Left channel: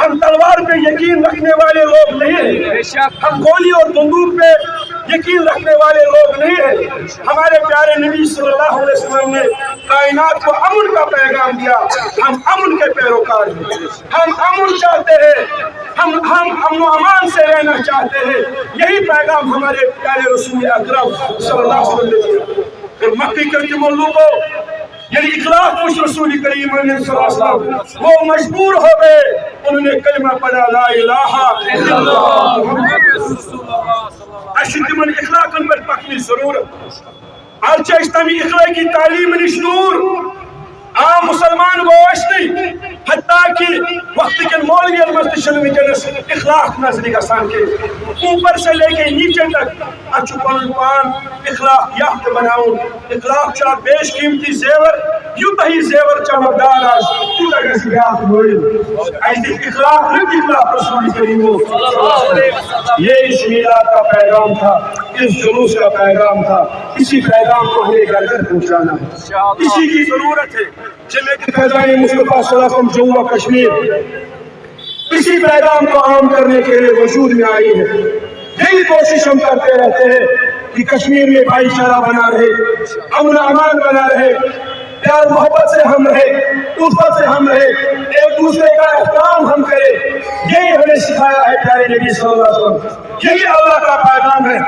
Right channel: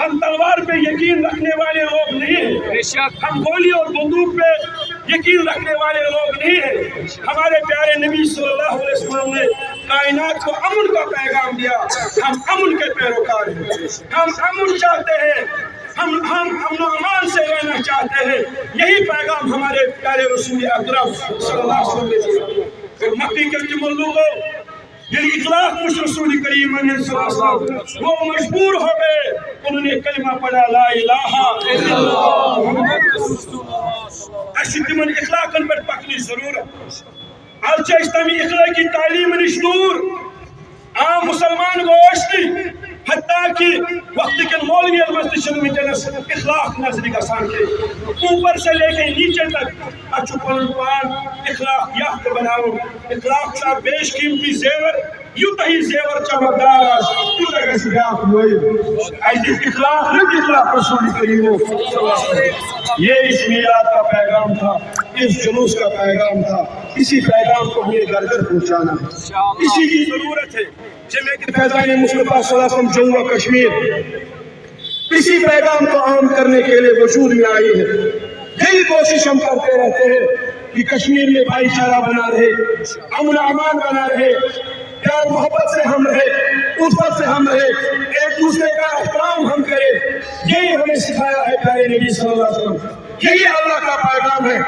ہم تلوار پہ یقین رکھنے والے لوگ نہیں ہیں، ہم گولی اور بندوق پہ یقین رکھنے والے لوگ نہیں ہیں۔ ہمارے پیارے نبی صلی اللہ علیہ وسلم نے کائنات کو امن کا پیغام دیا، ہم امن کے پیروکار ہیں، ہم امن چاہتے ہیں، ہم امن و امان سے رہنا چاہتے ہیں۔ یہی پیغام ہمارے پیارے رسول اکرم صلی اللہ علیہ وسلم نے دیا۔ پھر مکی کے جملوں کو یعنی اخلاق کچھ رسول کریم صلی اللہ علیہ وسلم وہ مجبور ہو گئے، انہوں نے کلمہ پڑھا لا الہ الا اللہ محمد رسول اللہ۔ اچھی تمن اخلاقن پر پکنی ضرورت آج اسلامی اخلاقی تعلیم نش دور عام مسلمان گوشتی حتیٰ کہ وقت کے مولویت مستشن ونکس اخلاق نظر گسان کے اوپر سے لے کے نیچے تک اچھو پن پان اخلاق یافت بناؤ۔ اخلاق چا بیش قیمتی زیور یوتہ ہی زیور چمکدار آج تیوتہ گسی یافت ہوئی۔ ایسی اخلاق رد اخلاق رسول کریم یہ اس میلاد کا پیغام تھا، اس جلوس کا پیغام تھا، اسی پیغام کو ہمیں گھر گھر پہنچانا اسی کی ضرورت ہے۔ جمعیت فیضان مصطفیٰ صلی اللہ علیہ وسلم جموں و کشمیر اسی پیغام کو عام کرنے کے لیے وجود میں آئی ہے۔ یہی کوشش ہم کرتے رہتے ہیں کہ کشمیر میں بھائی چارہ بنا رہے، امن امان بنا رہے، پیار محبت سے ہم رہے، الفت سے ہم رہے، ایک دوسرے کا احترام ہم کرے۔ یہی ہمیں سکھایا ہے پیارے نبی صلی اللہ علیہ وسلم، یہی اللہ کا پیغام ہے،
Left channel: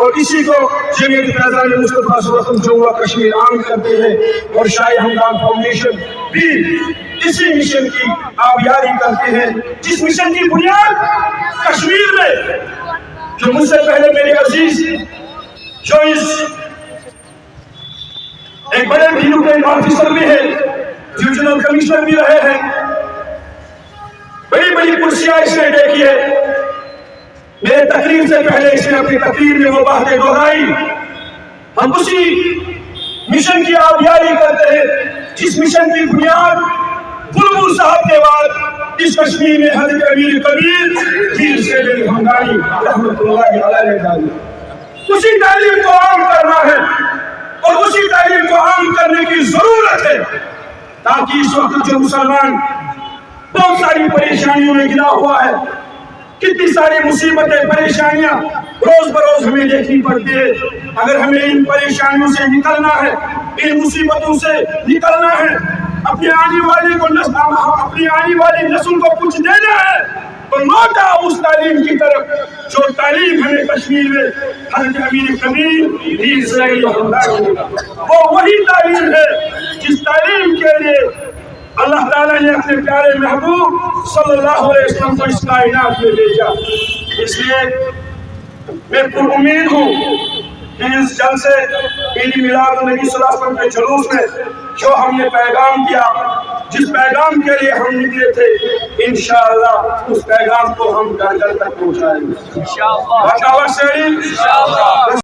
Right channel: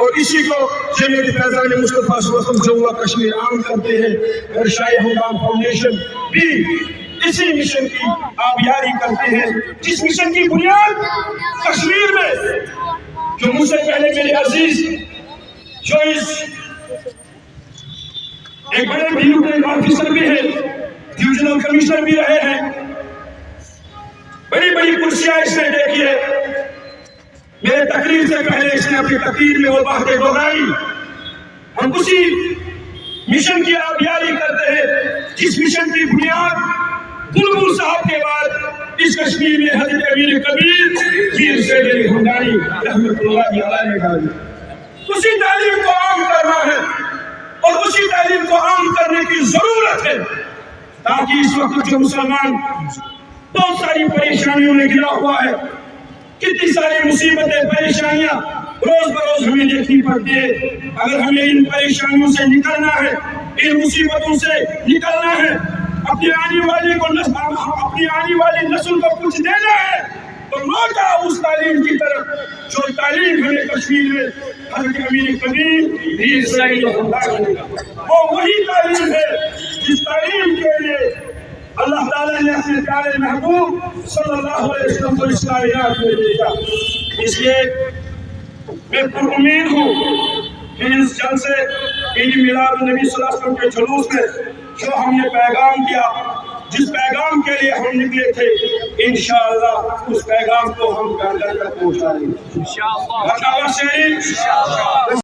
اور اسی کو جمعیت فیضان مصطفیٰ صلی اللہ علیہ وسلم جموں و کشمیر عام کرتے ہیں۔ اور شاہ ہمدان فاؤنڈیشن بھی اسی مشن کی آبیاری کرتے ہیں، جس مشن کی بنیاد کشمیر میں جو مجھ سے پہلے میرے عزیز جو اس ایک بڑے بیوروکریٹ آفیسر بھی ہے، ڈویژنل کمشنر بھی رہے ہیں، بڑی بڑی کرسیاں اس نے دیکھی ہے۔ میرے تقریر سے پہلے اس نے اپنی تقریر میں وہ باتیں دہرائی۔ ہم اسی مشن کی آبیاری کرتے ہیں جس مشن کی بنیاد بلبل صاحب کے بعد اس کشمیر میں حضرت امیر کبیر پیر سید علی ہمدانی رحمت اللہ علیہ نے ڈالی۔ اسی تعلیم کو عام کرنا ہے اور اسی تعلیم کو عام کرنے کی ضرورت ہے تاکہ اس وقت جو مسلمان بہت ساری پریشانیوں میں گرا ہوا ہے، کتنی ساری مصیبتیں پریشانیاں روز بروز ہمیں دیکھنی پڑتی ہے، اگر ہمیں ان پریشانیوں سے نکلنا ہے، ان مصیبتوں سے نکلنا ہے، اپنی آنے والی نسل کو کچھ دینا ہے تو لوٹا اس تعلیم کی طرف جو تعلیم ہمیں کشمیر میں حضرت امیر کبیر پیر سید علی ہمدانی وہ وہی تعلیم ہے جس تعلیم کے لیے اللہ تعالیٰ نے اپنے پیارے محبوب صلی اللہ علیہ وسلم کو اس کائنات میں بھیجا۔ اس لیے میں پر امید ہوں کہ اس جلسے عید میلاد النبی صلی اللہ علیہ وسلم کے جلوس میں جو ہم نے پیغام دیا، جس پیغام کے لیے ہم نکلے تھے، انشاءاللہ اس پیغام کو ہم گھر گھر تک پہنچائیں گے۔ انشاءاللہ۔